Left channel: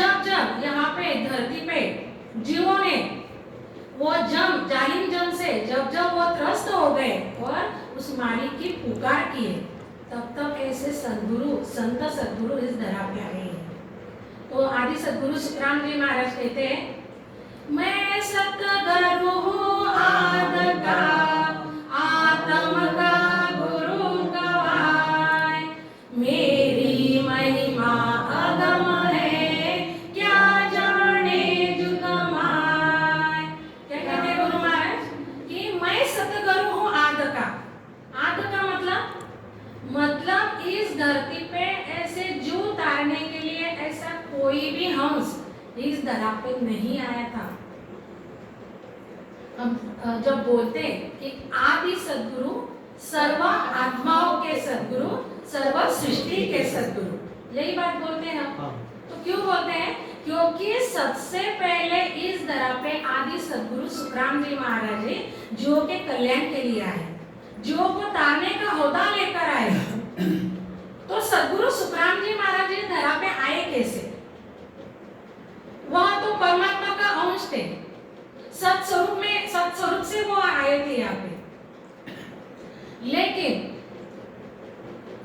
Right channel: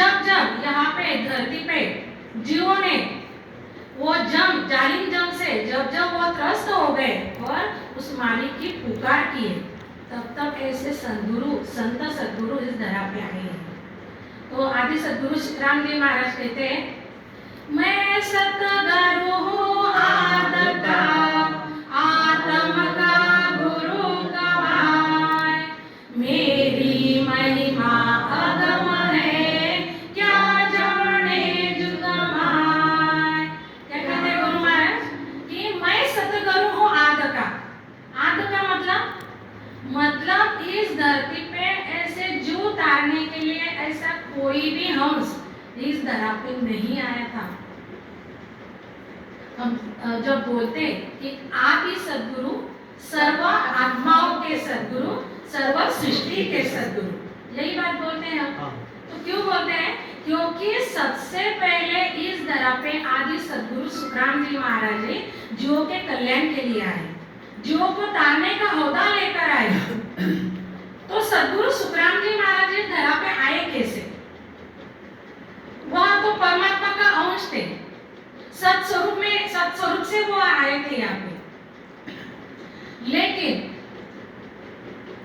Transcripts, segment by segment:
जब जब यहाँ पे धरती पे जीवों ने वो जालिम जम से जब जब वो त्रस्त हो गए और उस मालिक की पुकार किए, तब तक ऐसे संत सद्गुरु इस धरा पे आ गए। तो आदि सद्गुरु सुखराम जी महाराज कहते हैं, मैं सतगुरु हूँ आद का, आत्म का गुरु गवाए, मेरी महिमा अगम है, क्या जाने जुग माय। क्या कहते गुरु महाराज कि मैं सतगुरु हूँ आद का। आद का मतलब इस धरती पे ऐसे जीव तारने के लिए ऐसा कोई भी हंस इस धरा पे नहीं आया था। हम जब बोलते कि आदि सद्गुरु, सर्व आत्माओं के सद्गुरु, सर्व सृष्टि के सद्गुरु, यही बात बोलते हैं हम। तो क्यों बोलते हैं? क्योंकि सबसे पहले इस धरा पे आदि सद्गुरु सुखराम जी महाराज जी जीवों के कल्याण के लिए आए, जीवों को तारने का होदा लेकर आए। तो सद्गुरु सुखराम जी महाराज जी धरा पे आए कैसे? वह तो परमात्मा का अंश थे, सत्स्वरूप से वो आए थे यहाँ पे। लेकिन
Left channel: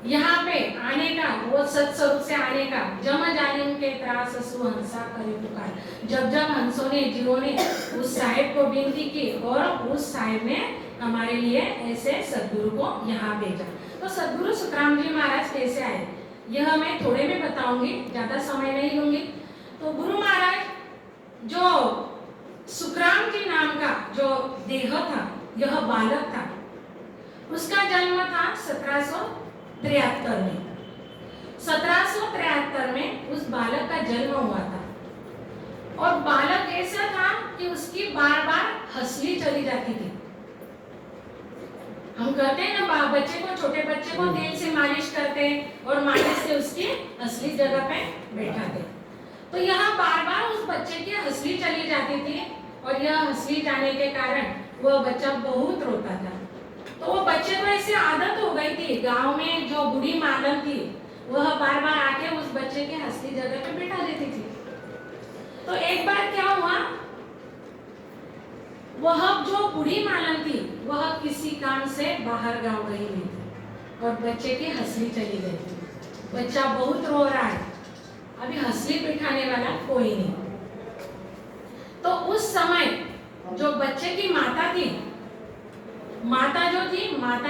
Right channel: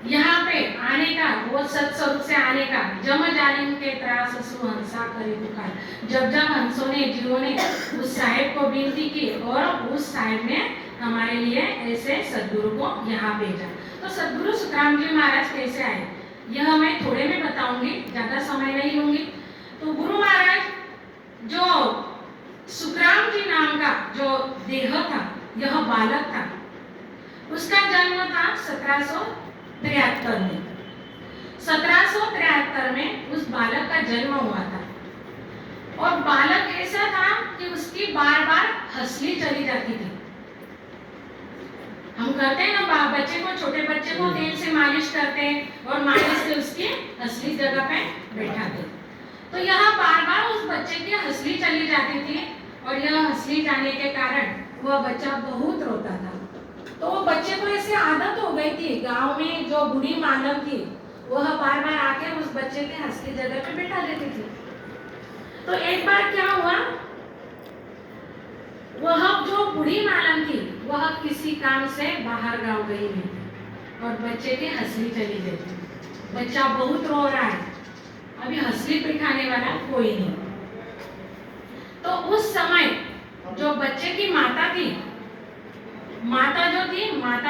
यहाँ पे आने का, वो सत्स्वरूप से आने का, जम जालिम के त्रास सु हंसा करे पुकार, जब जब हंसों ने, जीवों ने उस साहेब को विनती की और उस साहेब ने हमारे लिए ऐसे सद्गुरु को यहाँ भेजा। तो सद्गुरु सुखराम जी महाराज कैसे आए यह मैं थोड़े में बताऊंगी, ज्यादा समय नहीं लूंगी। तो गुरु महाराज जो सुखराम जी नाम का जो देह था, यह बालक था, उसका जन्म था 1773 में। 1773 में उस बालक का जन्म हुआ था और बालक ऐसा था कि उसकी बार बार हंसली चली जाती थी। हम करते हैं ना बच्चे को, छोटे बच्चे को तेल से मालिश करते हैं और मालिश से उसकी हंसली जगह पे बैठाते। तो यहाँ बार बार उस बच्चे की हंसली चली जाती थी और यह हंसली जाने के कारण वह बच्चा बहुत रोता था। तो वो बच्चे को ऐसी आदत हो गई थी, गांव में जो बूढ़ी मालम थी वह बार बार आके उस बच्चे के हंसली जगह पे बैठा देती थी। तो एक बार क्या हुआ, वह जो बूढ़ी मालम थी वह किसी काम से बाहर गांव गई नहीं और बच्चे की हंसली चली गई। बच्चा बहुत रो रहा है, अभी हंसली बैठाने वाला कोई नहीं। तो उस समय जो बच्चे की माता थी, माता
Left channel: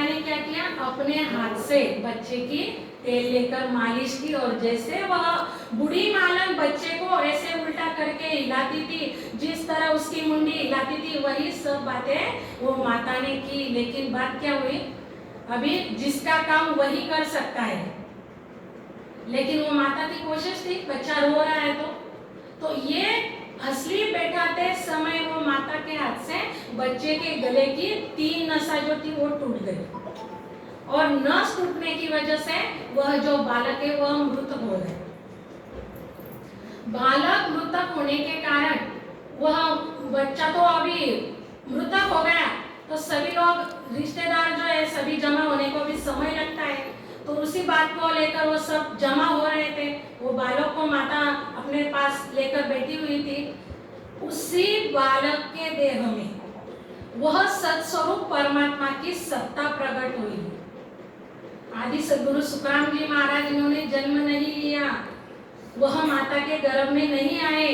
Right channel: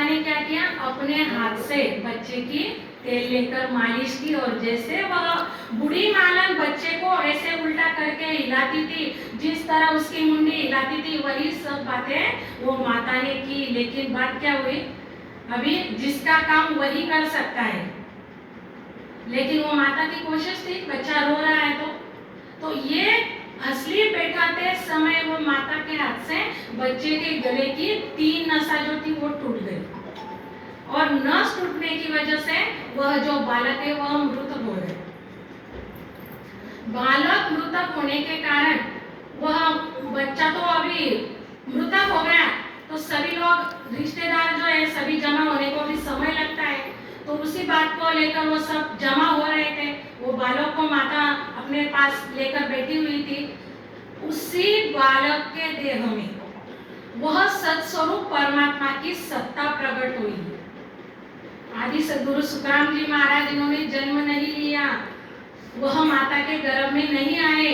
ने क्या किया, अपने हाथ से बच्चे की तेल लेकर मालिश की और जैसे वह बूढ़ी मालन बच्चे को ऐसे उल्टा करके हिलाती थी, जिस तरह उसकी मुंडी हिलाती थी, वही सब बातें वो माता ने की। लेकिन बात क्या हुई, अभी जिसका काम वही कर सकता है, लेकिन वो माता की कोशिश थी, बच्चा रो रहा है तो ये हंसली बैठाते समय वो माता के हाथ से बच्चे के गले की 3 नसा जो थी वो टूट गई और नस टूटने की वजह से वह जो बालक है वह मृतक हो गया। बालक मृतक होने के कारण वह बच्चा तो अभी मृतक हो गया, तो सभी लोग रिश्तेदार जो है सभी जमा होने को भी समय लगता है। तो उसी बात को लेकर वो सब जमा हो रहे थे। वो बालक को माता अपने पास लेकर बैठी हुई थी। उसी बालक के देह में वह सत्स्वरूप परमात्मा की सत्ता प्रकट हुई। आदि सद्गुरु सुखराम जी महाराज इन्होंने जन्म नहीं लिया, वह माता के गर्भ में नहीं आए।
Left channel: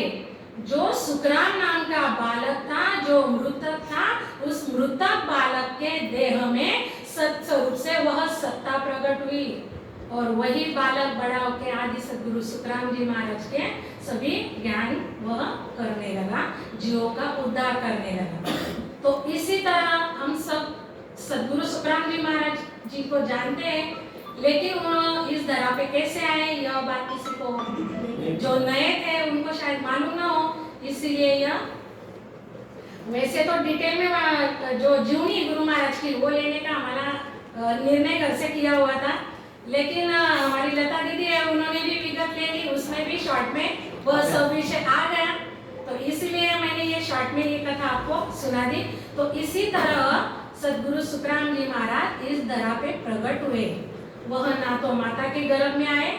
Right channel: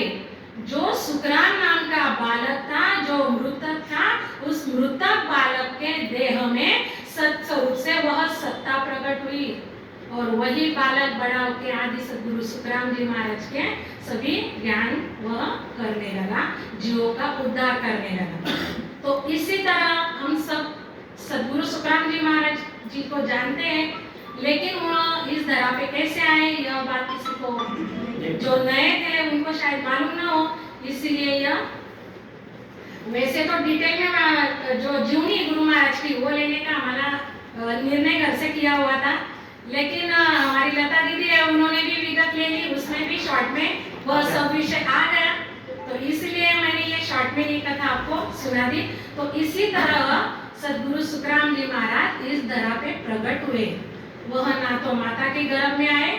जो सुखराम नाम का बालक था, जो मृतक था, उस मृतक बालक के देह में सत्स्वरूप से वह सत्ता प्रकट हुई और वही बालक बड़ा होकर आदि सद्गुरु सुखराम जी महाराज के सभी ज्ञान वह करने लगा, जीवों का उद्धार करने लगा। तो इसी तरह हम सब सद्गुरु सुखराम जी महाराज जी को जानते हैं, लेकिन वो इस धरा पे कैसे आए यह बात किसी को, जो नए थे उनको शायद मालूम ना हो, इसलिए यह वैसे तो डिटेल में जो जीवनी गुरु महाराज की वो लेने का हमारा निर्णय घर से किया हुआ था, लेकिन हमारी लता दीदी है उन्होंने भी विगत ले ली, उसमें भी शॉर्ट में वह सब विषय आ गया, तो इसलिए मैंने ये शॉर्ट में ये कथा आपको सुना दी। तो इसी तरह सद्गुरु सुखराम जी महाराज इस धरा पे प्रकट हुए। वह ना तो माता के गर्भ में आए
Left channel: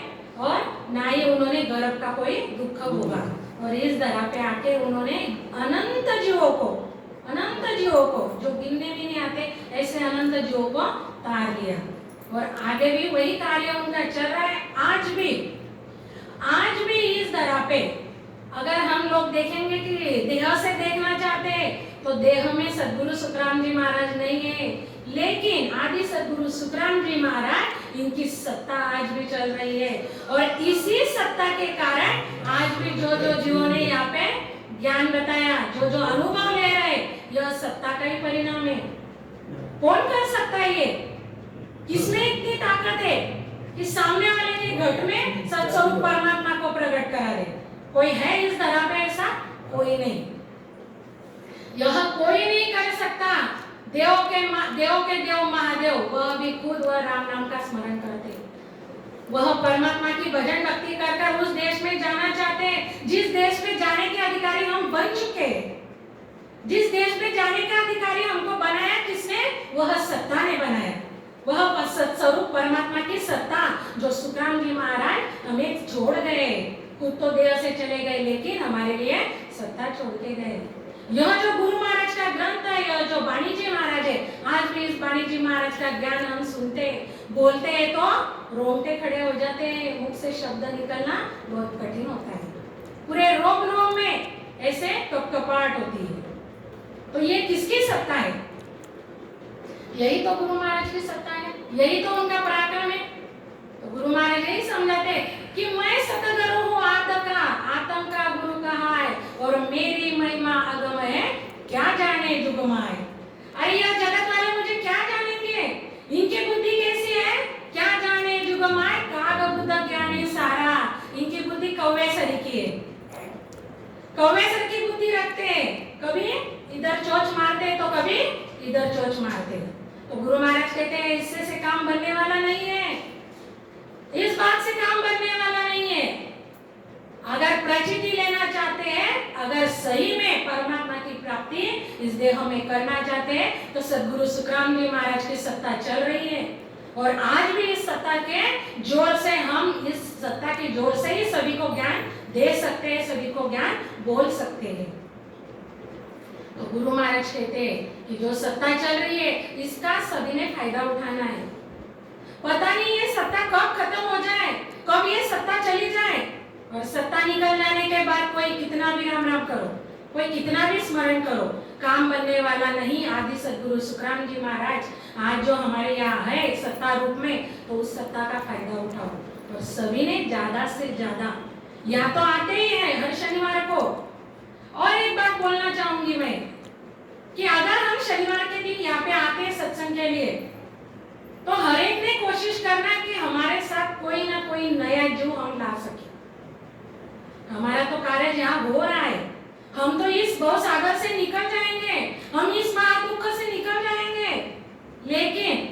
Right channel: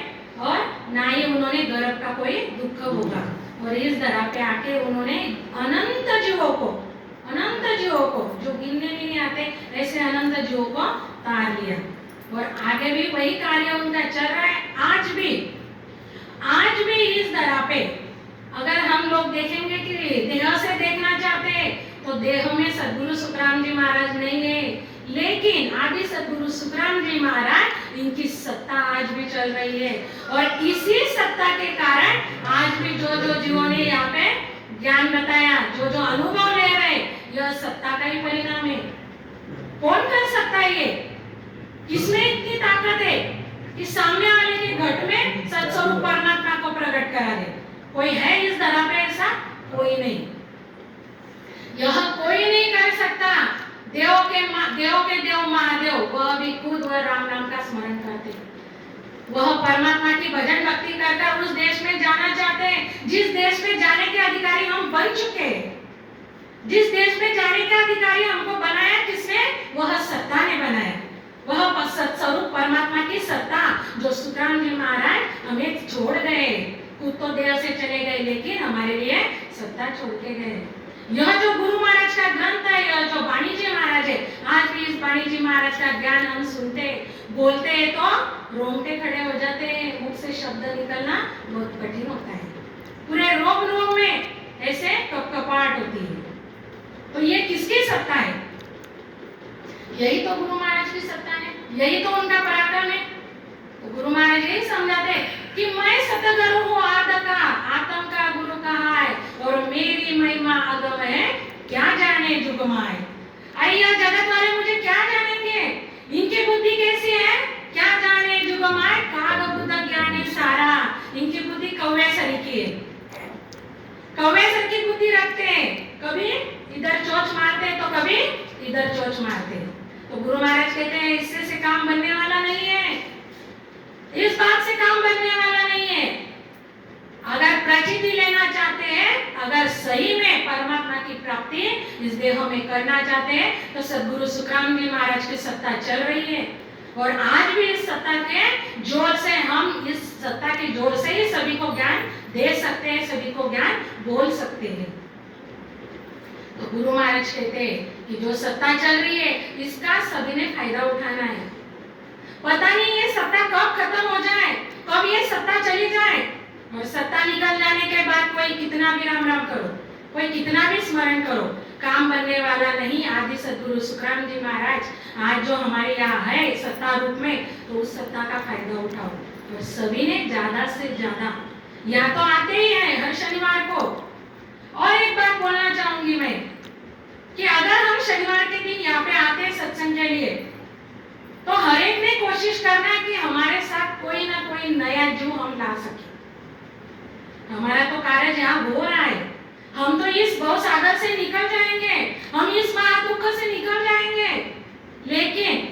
और ना ही उन्होंने गर्भ का कोई दुख होगा। और इस धरा पे आके उन्होंने अनंत जीवों को जो गिनने भी नहीं आते ऐसे अनंत जीवों को तार लिया। और आगे भी वही कार्य उनका चल रहा है। आज भी इस धरा पे अगर हम लोग देखेंगे कि देह से देखना चाहते हैं तो देह में सद्गुरु सुखराम जी महाराज नहीं है, लेकिन आदि सद्गुरु सुखराम जी महाराज इनकी सत्ता आज भी चल रही है। और इसी सत्ता के कारण आज भी जो जीवों ने यहाँ पे ज्ञान बताया, जो अनुभव ले रहे, यह सत्ता का ही परिणाम है। कौन कर सकता है ये? किसमें इतनी ताकत है कि सामने वाले के घट में सत्स्वरूप परमात्मा को प्रकट करा दे? कोई है इस धरा पे ऐसा? कोई नहीं। यह कोई नहीं कर सकता। देव के देव महादेव वह भी खुद वह राम नाम का स्मरण करते, वह परमात्मा की भजन भक्ति कर उस देश में जाना चाहते हैं जिस देश में जाने के अधिकारी हम बन चुके हैं। जिस देश में जाने का अधिकारी हमको बनाया किसने? वह सत्ता ने बनाया। वह सत्स्वरूप परमात्मा की सत्ता जो सुखराम जी महाराज हमें छोड़ गए। खुद तो देह से चले गए लेकिन हमारे लिए सत्ता छोड़ के गए। यह जो गुरु महाराज का ग्रंथ है, यह जो वाणी जी महाराज है, आज भी इस वाणी जी महाराज का ज्ञान हम सुनते बोलते हैं तो रोंगटे खड़े हो जाते हैं। मुख से शब्द निकलना बहुत कठिन होता है। पूरे रोम में ऐसे कपकपाहट होती है। तो ये किसकी सत्ता है? यही तो गुरु महाराज की सत्ता है, यही तो उनका पराक्रम है। तो गुरु महाराज यही समझाते कि मैं सतगुरु हूँ आतम का गुरु कहा है, और मेरी महिमा अगम है, क्या जाने जुगमाए। अय्या जगत वाले मुझे क्या जानेंगे? इनकी बुद्धि कैसी है? क्या जाने जुगमाए, काग बुद्ध ज्ञानी सारा। इनकी बुद्धि कौवे सर की है, कौवे सर की बुद्धि रखते हैं। कभी इधर चोंच मारते हैं तो कभी इधर चोंच मारते हैं। तो गुरु महाराज कहते हैं इससे से काम बनने वाला नहीं है, इस बात से काम बनने वाला नहीं है। अगर प्रचिति लेना चाहते हैं, अगर सही में परमात्मा की प्राप्ति इस देह में करना चाहते हैं तो सद्गुरु सुखराम जी महाराज की सत्ता चल रही है। और आज भी इस सत्ता के जोर से हम इस सत्ता के जोर से ही सभी को ज्ञान दे सकते हैं, सभी को ज्ञान बोल सकते हैं। तो गुरु महाराज कहते हैं कि जो सत्ता चल रही है इसका सभी ने फायदा उठाना है। पता नहीं ये सत्ता कब खत्म हो जाए, कब ये सत्ता चली जाए। और सत्ता निकल जाने के बाद कोई कितना भी राम राम करो, कोई कितना भी स्मरण करो, काम बनने वाला नहीं। आदि सद्गुरु सुखराम जी महाराज आज जो हमारे यहाँ है सत्ता रूप में, तो उस सत्ता का फायदा उठाओ। और सभी ने ज्यादा से ज्यादा या तो आते ही है हर शनिवार को। और एक बात बोलना चाहूंगी मैं कि अगर हम शनिवार के दिन यहाँ पे आते हैं सत्संग के लिए, तो हर एक ने कोशिश करना है कि हमारे साथ कोई ना कोई नया जीव हम ला सके। हमारा तो कार्य यहाँ हो रहा है, हम तो इस भव सागर से निकल जाएंगे, हम इस महादुख से निकल जाएंगे। लेकिन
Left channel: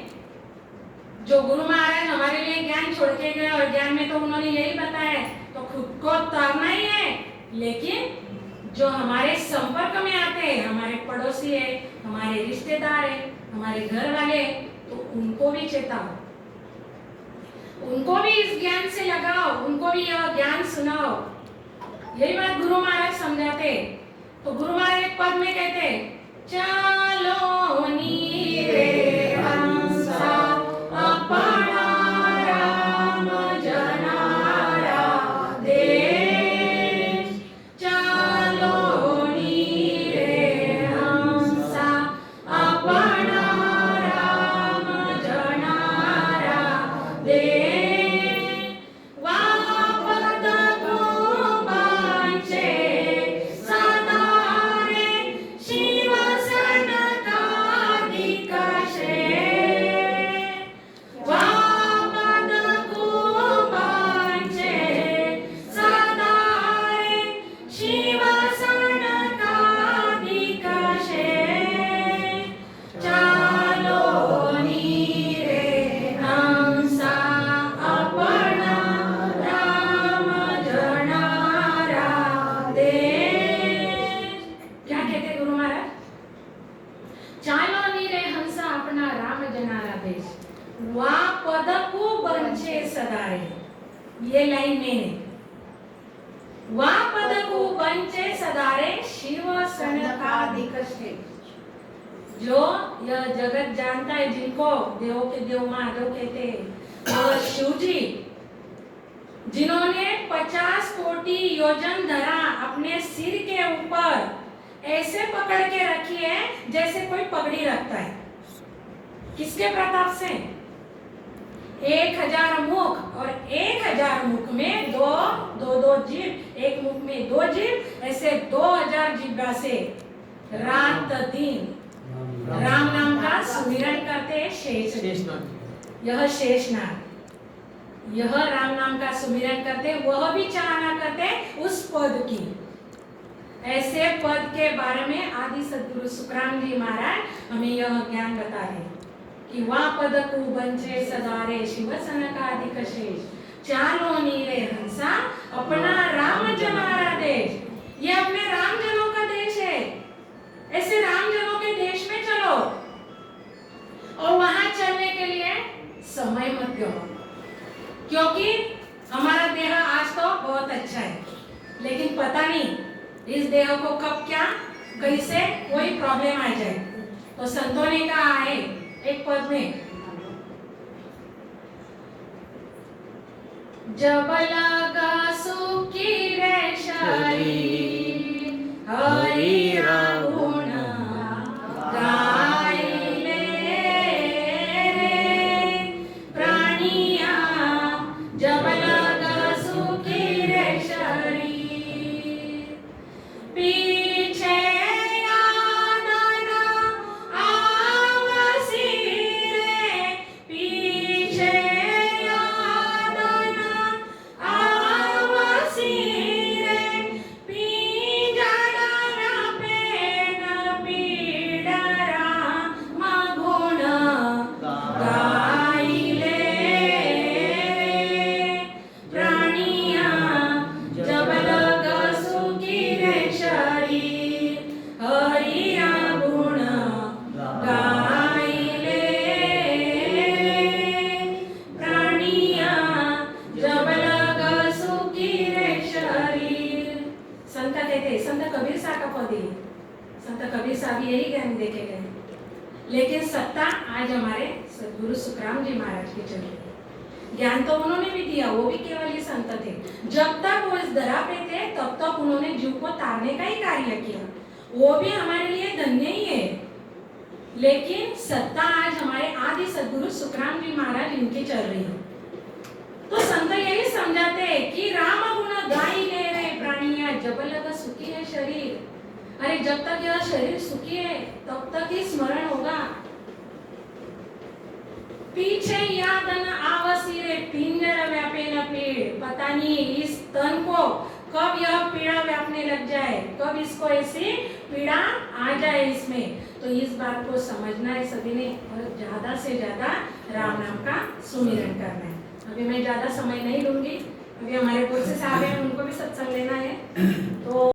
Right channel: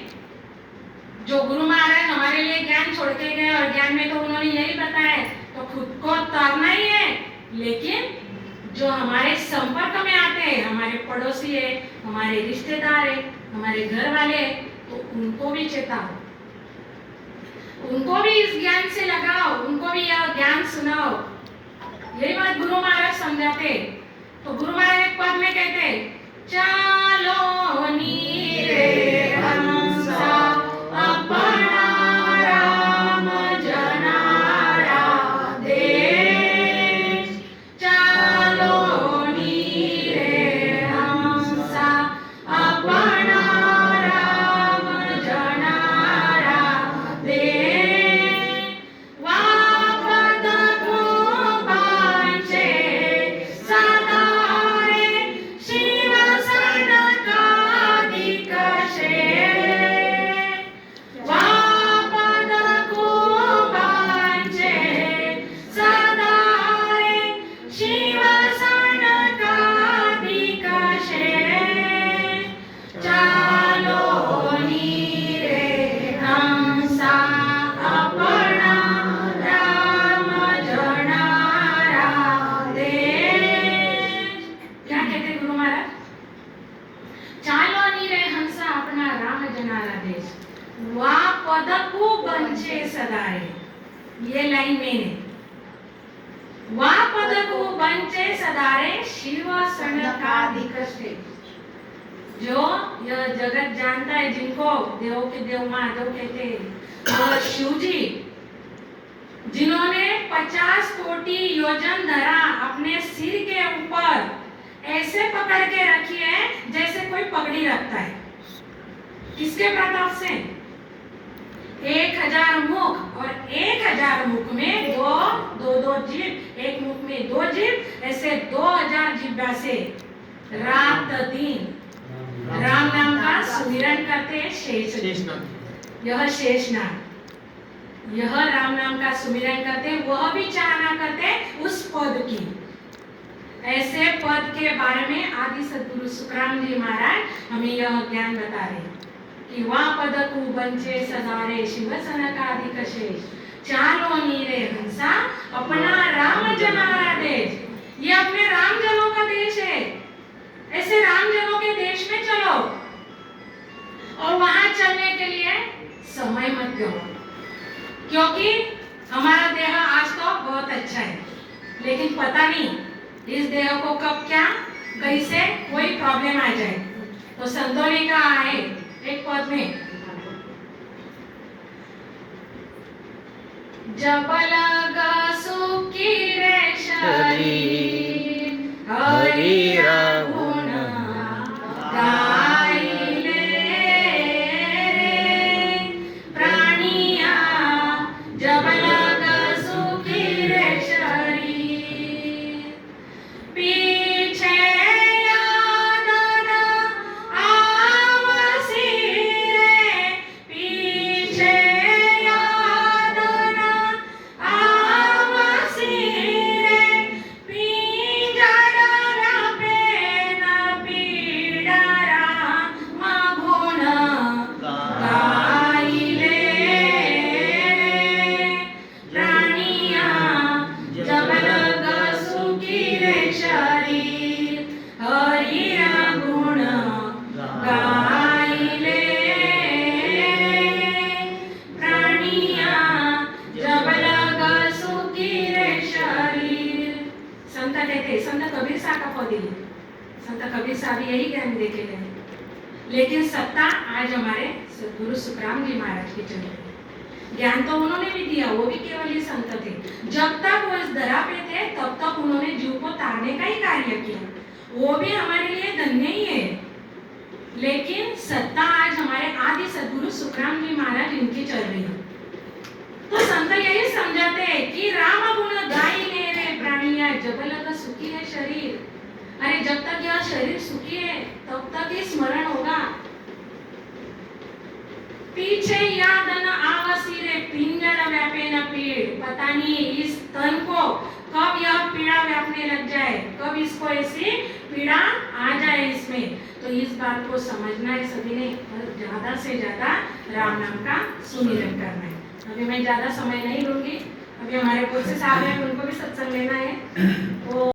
जो गुरु महाराज हमारे लिए ज्ञान छोड़ के गए, और ज्ञान में तो उन्होंने यही बताया, तो खुद को तरना ही है। लेकिन जो हमारे संपर्क में आते हैं, हमारे पड़ोसी है, हमारे रिश्तेदार है, हमारे घर वाले, तो उनको भी चेताओ, उनको भी इस ज्ञान से लगाओ, उनको भी यह ज्ञान सुनाओ। यही बात गुरु महाराज समझाते। तो गुरु महाराज एक पद में कहते, चलो नीरे हंसा अपना राम जनारा देश। चलो नीरे हंसा अपना राम जनारा देश। ये लाइन मेन है। वा पद को बंचे सदारे शिव सनकादिक श्रेष्ठ। जो यह जगत जानता है, जिनको देवों के देव महादेव कहते हैं, और शिव जी जिन्होंने 50 कोटि योजन धरा अपने सिर के ऊपर ऐसे पकड़ के रखी है जैसे कोई पगड़ी रखता है। किसके प्रताप से? 1000 मुख, और 1000 मुख में दो जीभ, एक मुख में 2 जीभ, ऐसे 2000 जीभा से रात दिन राम नाम का सुमिरन करते शेषनाग। यह शेषनाग यह राम नाम का सुमिरन करते, वह भी चाहना करते उस पद की। ऐसे पद के बारे में आदि सद्गुरु सुखराम जी महाराज हमें यह ज्ञान बता रहे कि वह पद को बंचे सदारे शिव सनकादिक शेष। चालो नीरे हंसा अपना राम जनारा देश। ये अपने राम जनों का देश है। ऐसे राम जनों के देश में चलो, और वहां चलने के लिए समय मत दो, क्योंकि हमारा देह आज तो बहुत अच्छा है, लेकिन पता नहीं इस देह को कब क्या कहीं से कोई प्रॉब्लम आ जाए। तो संतों ने कहा है एक पद में, जब लगा सुखी रे शरीर हरि गुण गाई ले प्राणिया। जब लगा सुखी रे शरीर पीछे याद न आवसी रे, पीछे याद न आवसी रे, पीजड़ा पेन पीडरा मगुण गाई ले प्राणिया। जब लगा सुखी रे शरीर हरि गुण गाई ले प्राणिया। जब लगा सुखी रे शरीर। संत कहते, संत कबीर साहब का पद है। संत कबीर साहब यही ज्ञान देके गए, लेकिन सत्ता आज हमारे सद्गुरु सुखराम जी महाराज की चल रही है। ज्ञान तो उन्होंने भी दिया, वो भी केवल ही संत थे। जब तक वो इस धरा पे थे तब तक उन्होंने जीव को तारने का ही कार्य किया, वो भी हमारे लिए धन्य ही है। लेकिन सत्ता आज हमारे आदि सद्गुरु सुखराम जी महाराज इनकी चल रही है। तो संत यही समझाते हैं कि राम गुण गाई ले रे प्राणिया, जब लगा सुखी है शरीर। अरे जब तक यह शरीर सुखी है तब तक ही स्मरण होगा। पीछे याद न आवसी रे पिंजर व्यापे न पीड़। पता नहीं इस तन को कब यह पीड़ा व्यापने लग जाए, कब इसको ऐसी पीड़ा आ जाए इसमें। तो इस बात को समझना है सभी ने, और ज्यादा से ज्यादा राम नाम का सुमिरन करना है। अभी मैं ज्यादा समय नहीं लूंगी, अभी हमारे पुलिस साहब हैं, उनको भी सत्संग लेना है। तो